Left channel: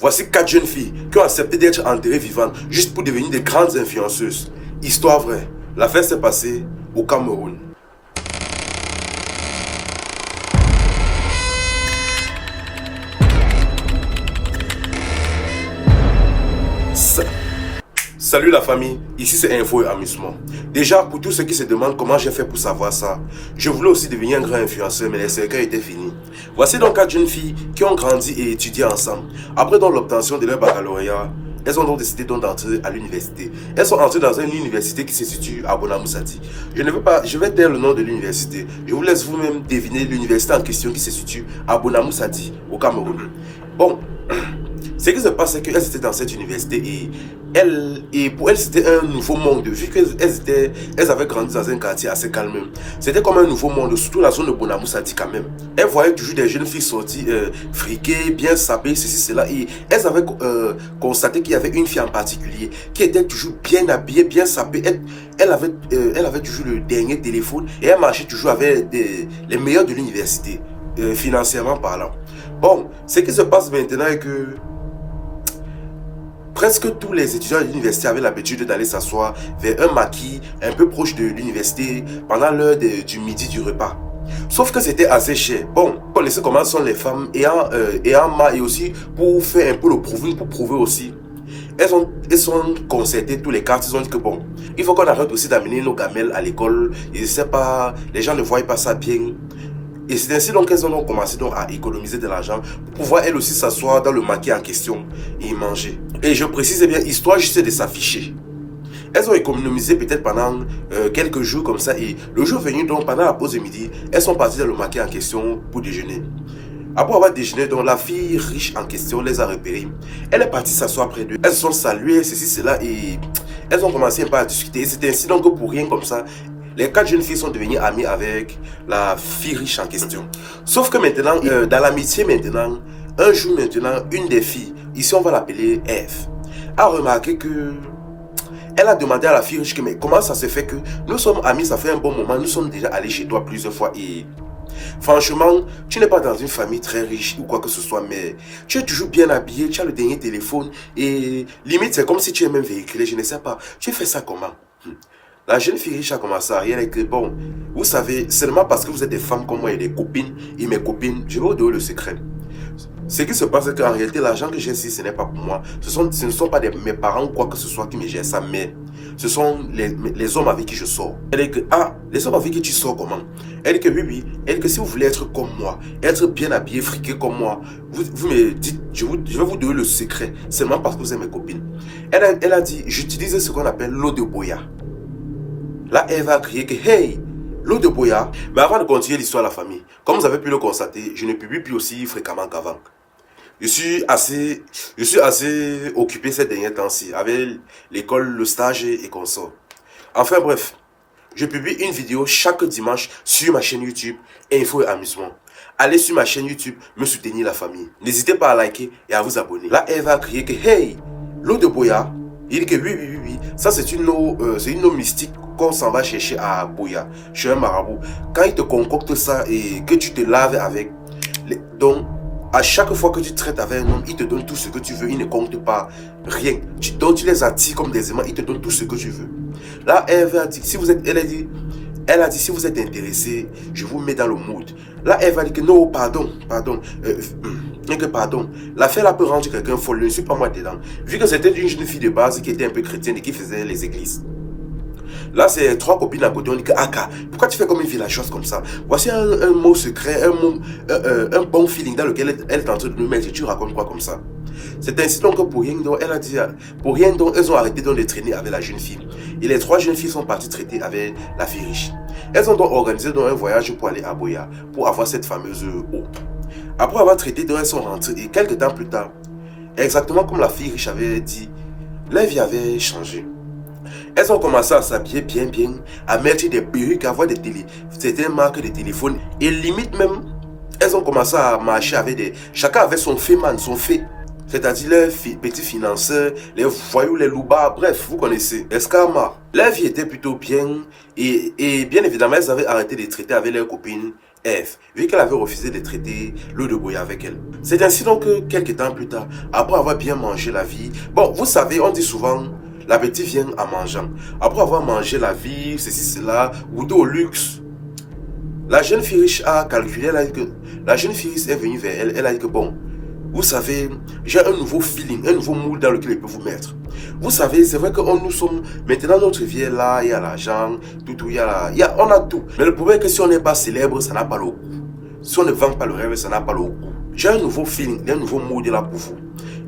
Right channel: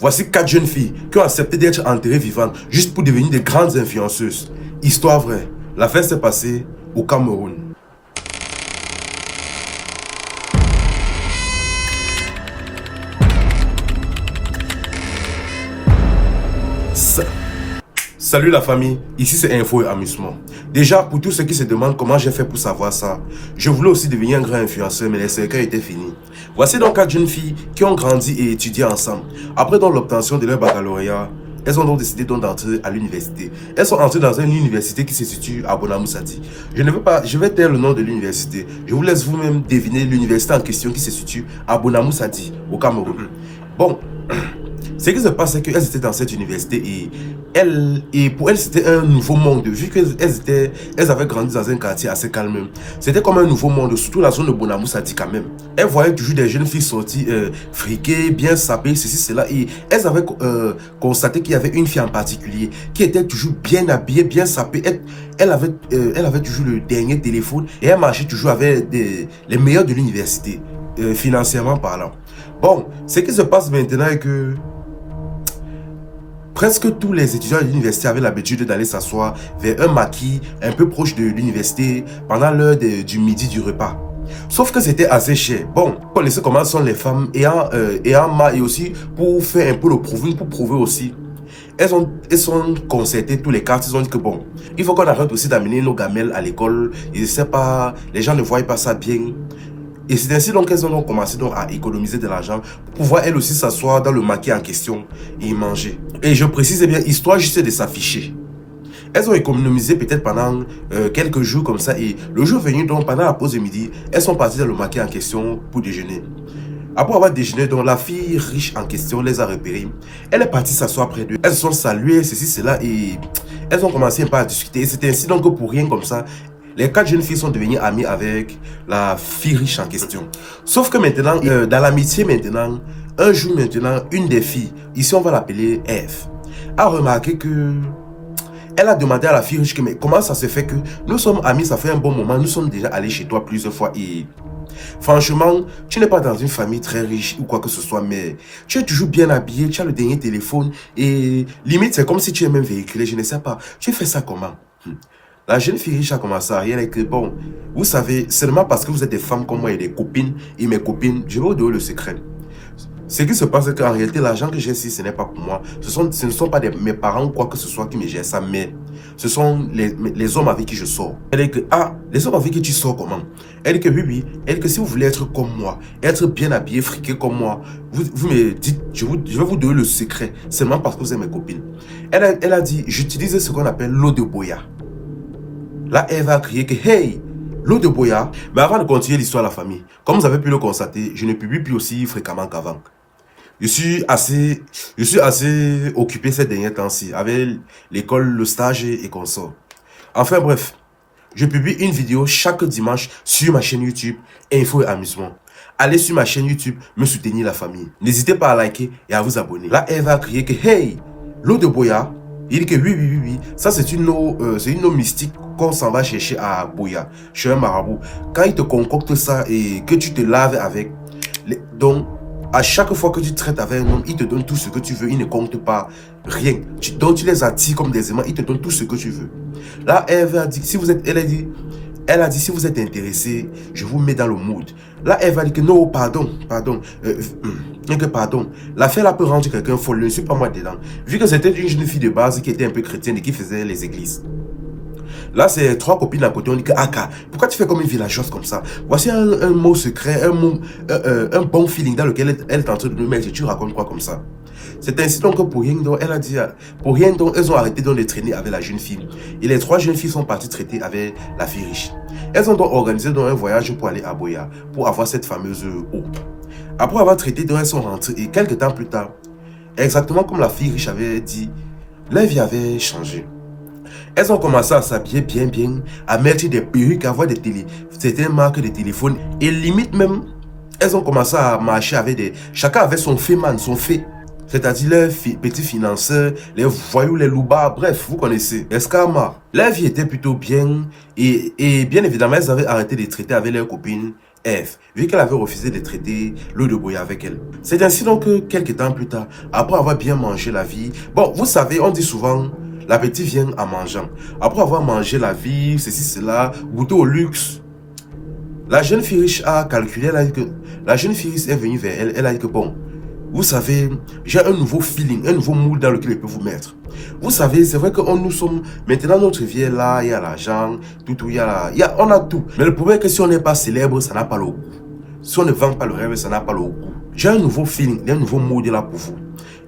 Voici 4 jeunes filles qui ont accepté d'être enterrées vivantes juste pour devenir des grandes influenceuses. Histoire vraie. L'affaire s'est passée au Cameroun. Salut la famille, ici c'est Info et Amusement. Déjà, pour tous ceux qui se demandent comment j'ai fait pour savoir ça, je voulais aussi devenir un grand influenceur, mais les cercueils étaient finis. Voici donc 4 jeunes filles qui ont grandi et étudié ensemble. Après donc l'obtention de leur baccalauréat, elles ont donc décidé d'entrer à l'université. Elles sont entrées dans une université qui se situe à Bonamoussati. Je vais taire le nom de l'université. Je vous laisse vous-même deviner l'université en question qui se situe à Bonamoussati, au Cameroun. Bon, ce qui se passe, c'est qu'elles étaient dans cette université et pour elles, c'était un nouveau monde. Vu qu'elles avaient grandi dans un quartier assez calme, c'était comme un nouveau monde, surtout la zone de Bonamoussati quand même. Elles voyaient toujours des jeunes filles sorties, friquées, bien sapées, ceci, cela. Et elles avaient constaté qu'il y avait une fille en particulier qui était toujours bien habillée, bien sapée. Elle avait toujours le dernier téléphone et elle marchait toujours avec les meilleurs de l'université, financièrement parlant. Bon, ce qui se passe maintenant est que presque tous les étudiants de l'université avaient l'habitude d'aller s'asseoir vers un maquis un peu proche de l'université pendant l'heure du midi du repas. Sauf que c'était assez cher. Bon, vous connaissez comment sont les femmes ayant marre et aussi pour faire un peu le prouver, pour prouver aussi. Elles ont concerté tous les quartiers, ils ont dit que bon, il faut qu'on arrête aussi d'amener nos gamelles à l'école. Et je sais pas, les gens ne voient pas ça bien. Et c'est ainsi donc qu'elles ont commencé donc à économiser de l'argent pour pouvoir elles aussi s'asseoir dans le maquis en question et y manger. Et je précise bien, histoire juste de s'afficher. Elles ont économisé peut-être pendant quelques jours comme ça et le jour venu donc pendant la pause de midi, elles sont parties dans le maquis en question pour déjeuner. Après avoir déjeuné, donc la fille riche en question les a repérées. Elle est partie s'asseoir près d'eux. Elles se sont saluées, ceci, cela et elles ont commencé un peu à discuter. Et c'est ainsi donc que pour rien comme ça, les 4 jeunes filles sont devenues amies avec la fille riche en question. Sauf que maintenant, dans l'amitié maintenant, un jour maintenant, une des filles, ici on va l'appeler Eve, a remarqué que elle a demandé à la fille riche que mais comment ça se fait que nous sommes amis, ça fait un bon moment, nous sommes déjà allés chez toi plusieurs fois et franchement, tu n'es pas dans une famille très riche ou quoi que ce soit, mais tu es toujours bien habillé, tu as le dernier téléphone et limite c'est comme si tu es même véhiculé, je ne sais pas, tu fais ça comment? La jeune fille riche a commencé à rien et que bon, vous savez, seulement parce que vous êtes des femmes comme moi et des copines, et mes copines, je vais vous donner le secret. Ce qui se passe, c'est qu'en réalité, l'argent que j'ai ici, ce n'est pas pour moi. Ce ne sont pas mes parents ou quoi que ce soit qui me gèrent ça, mais ce sont les hommes avec qui je sors. Elle dit que, ah, les hommes avec qui tu sors comment? Elle dit que oui. Elle dit que si vous voulez être comme moi, être bien habillé, friqué comme moi, vous me dites, je vais vous donner le secret, seulement parce que vous êtes mes copines. Elle a dit, j'utilise ce qu'on appelle l'eau de boya. Là, elle va crier que, hey, l'eau de boya. Mais avant de continuer l'histoire de la famille, comme vous avez pu le constater, je ne publie plus aussi fréquemment qu'avant. Je suis assez occupé ces derniers temps-ci, avec l'école, le stage et consorts. Enfin bref, je publie une vidéo chaque dimanche sur ma chaîne YouTube, Info et Amusement. Allez sur ma chaîne YouTube, me soutenir la famille. N'hésitez pas à liker et à vous abonner. Là, elle va crier que, hey, l'eau de boya. Il dit que oui. Ça, c'est une eau mystique qu'on s'en va chercher à Boya, chez un marabout. Quand il te concocte ça et que tu te laves avec, donc, à chaque fois que tu traites avec un homme, il te donne tout ce que tu veux, il ne compte pas rien. Donc, tu les attires comme des aimants, il te donne tout ce que tu veux. Là, elle a dit, elle a dit, si vous êtes intéressé, je vous mets dans le mood. Là, elle va dire que non, pardon. L'affaire là peut rendre quelqu'un folle, ne suis pas moi dedans. Vu que c'était une jeune fille de base qui était un peu chrétienne et qui faisait les églises. Là, c'est 3 copines à côté, on dit que Aka, pourquoi tu fais comme une villageoise comme ça? Voici un mot secret, un bon feeling dans lequel elle est en train de nous mettre. Tu racontes quoi comme ça? C'est ainsi donc que pour rien donc, elle a dit, pour rien donc, elles ont arrêté de les traîner avec la jeune fille. Et les 3 jeunes filles sont parties traiter avec la fille riche. Elles ont donc organisé donc un voyage pour aller à Boya, pour avoir cette fameuse eau. Après avoir traité, donc, elles sont rentrées et quelques temps plus tard, exactement comme la fille riche avait dit, leur vie avait changé. Elles ont commencé à s'habiller bien, à mettre des perruques, à avoir certaines marques de téléphone. Et limite même, elles ont commencé à marcher avec chacun avait son fait man, son fait. C'est-à-dire les petits financeurs, les voyous, les loubards, bref, vous connaissez. Escarma. Leur vie était plutôt bien. Et bien évidemment, elles avaient arrêté de traiter avec leurs copines Ève, vu qu'elle avait refusé de traiter l'eau de bouillon avec elle. C'est ainsi donc que quelques temps plus tard, après avoir bien mangé la vie, bon, vous savez, on dit souvent, l'appétit vient en mangeant. Après avoir mangé la vie, ceci, cela, goûté au luxe, la jeune fille riche a calculé, elle a dit que, la jeune fille riche est venue vers elle, elle a dit que bon, vous savez, j'ai un nouveau feeling, un nouveau mood dans lequel je peux vous mettre. Vous savez, c'est vrai que nous sommes, maintenant notre vie est là, il y a l'argent, tout, on a tout. Mais le problème est que si on n'est pas célèbre, ça n'a pas le goût. Si on ne vend pas le rêve, ça n'a pas le goût. J'ai un nouveau feeling, un nouveau mood là pour vous.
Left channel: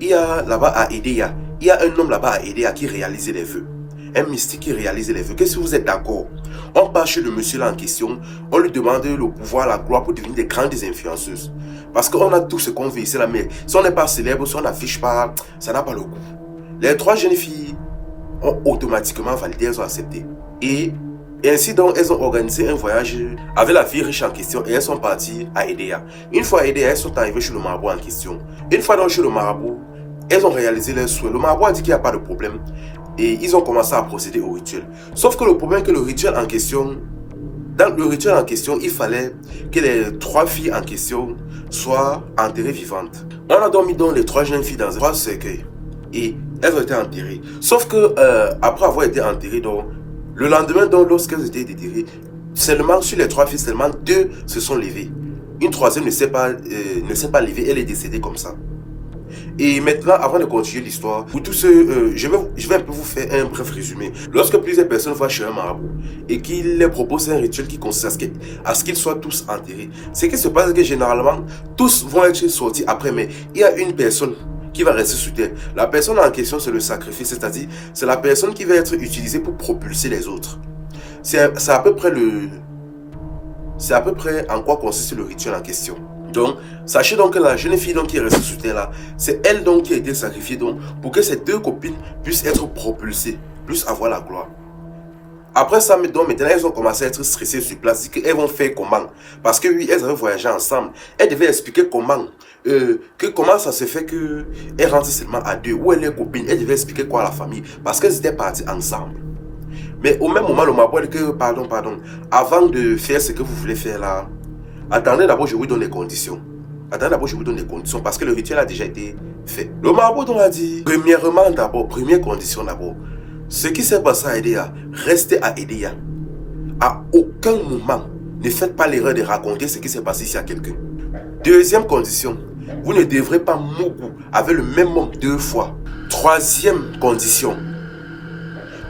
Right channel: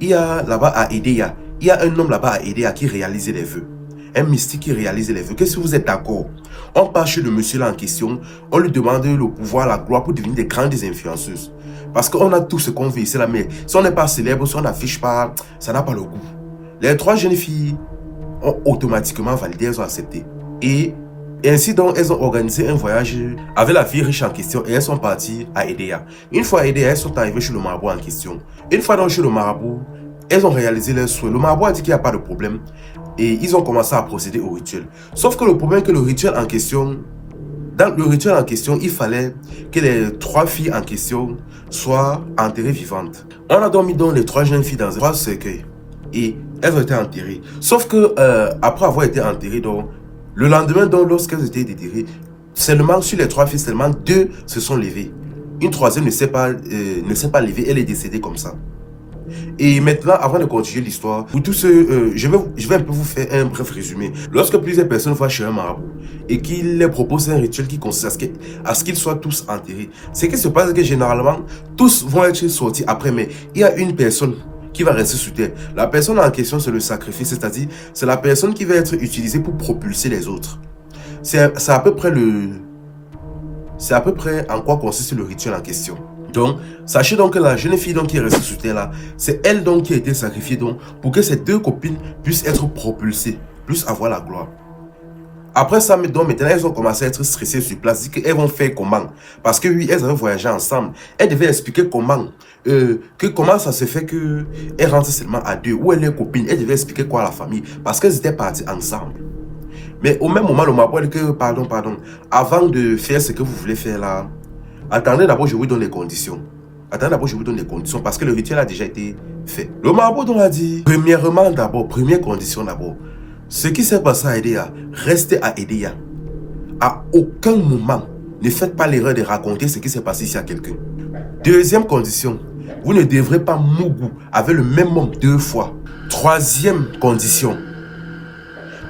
Il y a là-bas à Edea, il y a un homme là-bas à Edea qui réalisait les vœux. Un mystique qui réalisait les vœux. Qu'est-ce que vous êtes d'accord? On part chez le monsieur là en question, on lui demande le pouvoir, la gloire pour devenir des grandes influenceuses. Parce qu'on a tout ce qu'on veut ici là, mais si on n'est pas célèbre, si on n'affiche pas, ça n'a pas le goût. Les 3 jeunes filles ont automatiquement validé, elles ont accepté. Et ainsi donc, elles ont organisé un voyage avec la fille riche en question et elles sont parties à Edea. Une fois à Edea, elles sont arrivées chez le marabout en question. Une fois donc chez le marabout, elles ont réalisé leurs souhaits. Le marabout a dit qu'il n'y a pas de problème et ils ont commencé à procéder au rituel. Sauf que le problème est que le rituel en question, dans le rituel en question, il fallait que les 3 filles en question soient enterrées vivantes. On a donc mis donc les 3 jeunes filles dans un cercueil et elles ont été enterrées. Sauf que après avoir été enterrées, donc, le lendemain, donc, lorsqu'elles étaient déterrées, seulement sur les 3 filles, seulement 2 se sont levées. Une troisième ne s'est pas levée, elle est décédée comme ça. Et maintenant, avant de continuer l'histoire, pour tous ceux, je vais un peu vous faire un bref résumé. Lorsque plusieurs personnes vont chez un marabout et qu'il leur propose un rituel qui consiste à ce qu'ils soient tous enterrés, ce qui se passe, c'est que généralement, tous vont être sortis après, mais il y a une personne qui va rester sur terre. La personne en question, c'est le sacrifice, c'est-à-dire, c'est la personne qui va être utilisée pour propulser les autres. C'est à peu près en quoi consiste le rituel en question. Donc, sachez donc que la jeune fille donc, qui est restée sur terre là, c'est elle donc qui a été sacrifiée donc, pour que ses 2 copines puissent être propulsées, puissent avoir la gloire. Après ça, donc, maintenant, elles ont commencé à être stressées sur place, dit qu'elles vont faire comment. Parce que oui, elles avaient voyagé ensemble. Elles devaient expliquer comment ça se fait qu'elles rentrent seulement à 2, où est leur copine. Elles devaient expliquer quoi à la famille, parce qu'elles étaient parties ensemble. Mais au même moment, le marabout dit que, pardon, avant de faire ce que vous voulez faire là, attendez d'abord, je vous donne les conditions. Attendez d'abord, je vous donne les conditions parce que le rituel a déjà été fait. Le marabout donc a dit, premièrement d'abord, première condition d'abord, ce qui s'est passé à Edea, restez à Edea. À aucun moment, ne faites pas l'erreur de raconter ce qui s'est passé ici à quelqu'un. Deuxième condition, vous ne devrez pas mougou avec le même homme 2 fois. Troisième condition,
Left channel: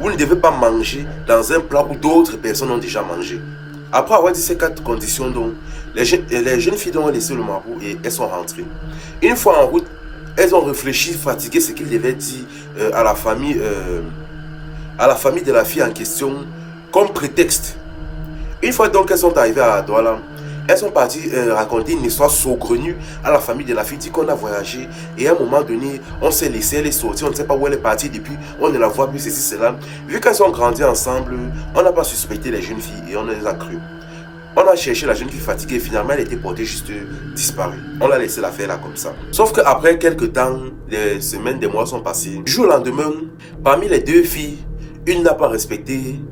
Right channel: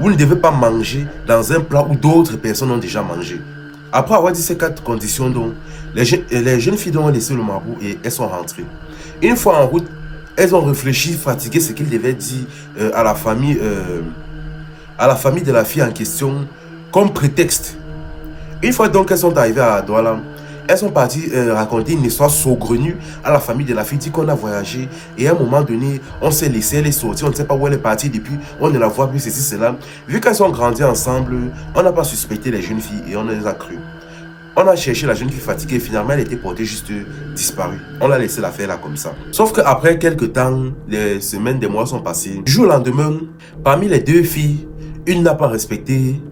vous ne devez pas manger dans un plat où d'autres personnes ont déjà mangé. Après avoir dit ces 4 conditions, donc, les jeunes filles ont laissé le marabout et elles sont rentrées. Une fois en route, elles ont réfléchi, fatigué ce qu'ils devaient dire à la famille de la fille en question comme prétexte. Une fois donc qu'elles sont arrivées à Douala, elles sont parties raconter une histoire saugrenue à la famille de la fille, dit qu'on a voyagé et à un moment donné, on s'est laissé, elle est sortie, on ne sait pas où elle est partie depuis, on ne la voit plus, ceci, cela. Vu qu'elles ont grandi ensemble, on n'a pas suspecté les jeunes filles et on les a crues. On a cherché la jeune fille fatiguée, finalement elle était portée juste disparue. On l'a laissé la faire là comme ça. Sauf qu'après quelques temps, les semaines, des mois sont passés. Du jour au lendemain, parmi les 2 filles, une n'a pas respecté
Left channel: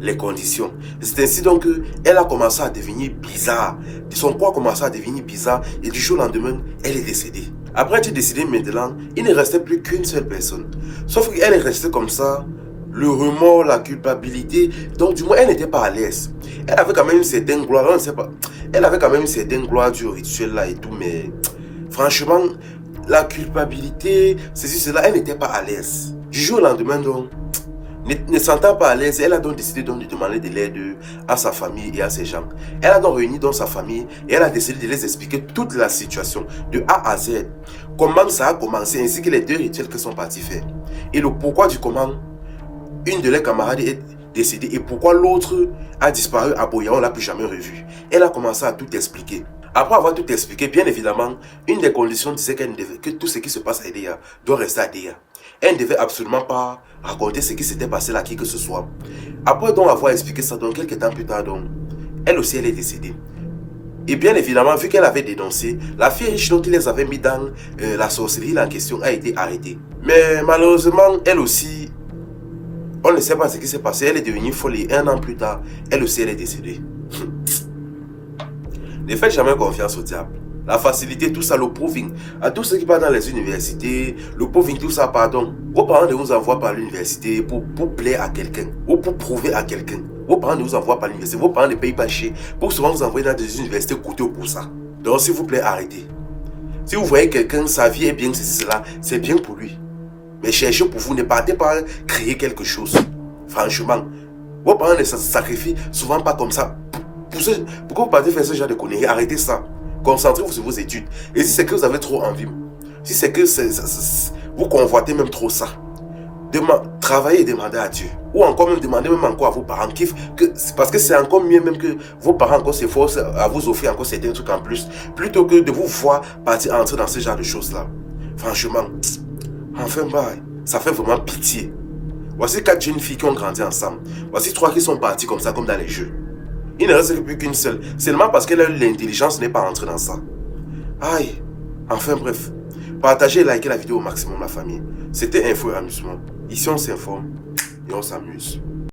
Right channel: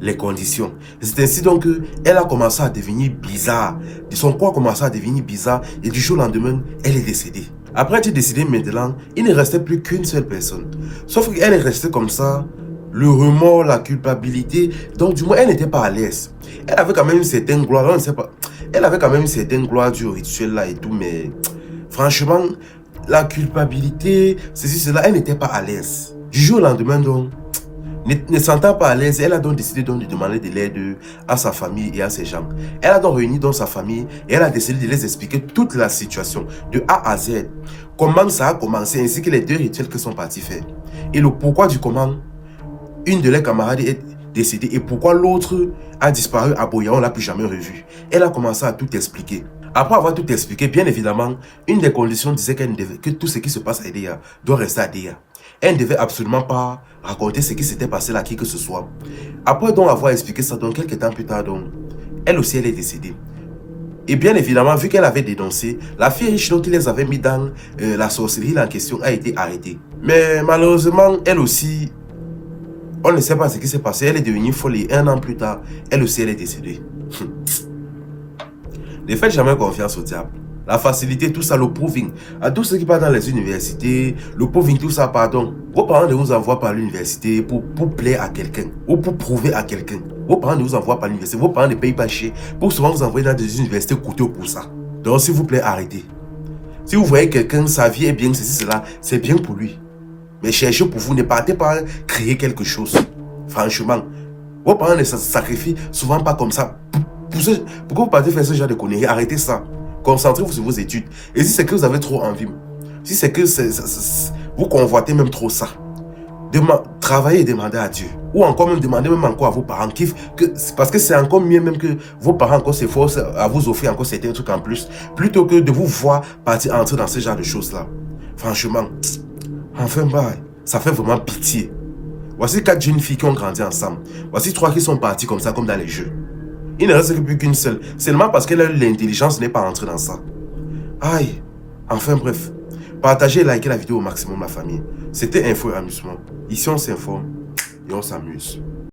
les conditions. C'est ainsi donc qu'elle a commencé à devenir bizarre. Son corps a commencé à devenir bizarre et du jour au lendemain, elle est décédée. Après être décédée maintenant, il ne restait plus qu'une seule personne. Sauf qu'elle est restée comme ça, le remords, la culpabilité. Donc du moins, elle n'était pas à l'aise. Elle avait quand même une certaine gloire, on ne sait pas. Elle avait quand même une certaine gloire du rituel là et tout, mais franchement, la culpabilité, ceci, cela, elle n'était pas à l'aise. Du jour au lendemain donc, ne sentant pas à l'aise, elle a donc décidé donc de demander de l'aide à sa famille et à ses gens. Elle a donc réuni donc sa famille et elle a décidé de les expliquer toute la situation de A à Z. Comment ça a commencé ainsi que les 2 rituels que sont partis faire. Et le pourquoi du comment une de leurs camarades est décédée et pourquoi l'autre a disparu à Boya, on ne l'a plus jamais revu. Elle a commencé à tout expliquer. Après avoir tout expliqué, bien évidemment, une des conditions disait que tout ce qui se passe à Edea doit rester à Edea. Elle ne devait absolument pas raconter ce qui s'était passé là, qui que ce soit. Après donc avoir expliqué ça, donc quelques temps plus tard, donc, elle aussi elle est décédée. Et bien évidemment, vu qu'elle avait dénoncé, la fille riche donc, qui les avait mis dans la sorcellerie en question a été arrêtée. Mais malheureusement, elle aussi, on ne sait pas ce qui s'est passé. Elle est devenue folle et 1 an plus tard, elle aussi elle est décédée. Ne faites jamais confiance au diable. La facilité, tout ça, le proving. À tous ceux qui partent dans les universités, le proving, tout ça, pardon. Vos parents ne vous envoient pas à l'université pour plaire à quelqu'un ou pour prouver à quelqu'un. Vos parents ne vous envoient pas à l'université. Vos parents ne payent pas cher pour souvent vous envoyer dans des universités coûteuses pour ça. Donc, s'il vous plaît, arrêtez. Si vous voyez quelqu'un, sa vie est bien, ceci, cela, c'est bien pour lui. Mais cherchez pour vous, ne partez pas créer quelque chose. Franchement, vos parents ne se sacrifient souvent pas comme ça. Pourquoi vous partez faire ce genre de conneries? Arrêtez ça. Concentrez-vous sur vos études. Et si c'est que vous avez trop envie, si c'est que vous convoitez même trop ça, travaillez et demandez à Dieu. Ou encore même demandez même encore à vos parents. Parce que c'est encore mieux même que vos parents encore s'efforcent à vous offrir encore certains trucs en plus. Plutôt que de vous voir partir entrer dans ce genre de choses-là. Franchement, enfin, ça fait vraiment pitié. Voici 4 jeunes filles qui ont grandi ensemble. Voici 3 qui sont parties comme ça, comme dans les jeux. Il ne reste plus qu'une seule. Seulement parce qu'elle a eu l'intelligence n'est pas entrée dans ça. Aïe. Enfin bref. Partagez et likez la vidéo au maximum, la famille. C'était Info et Amusement. Ici, on s'informe et on s'amuse.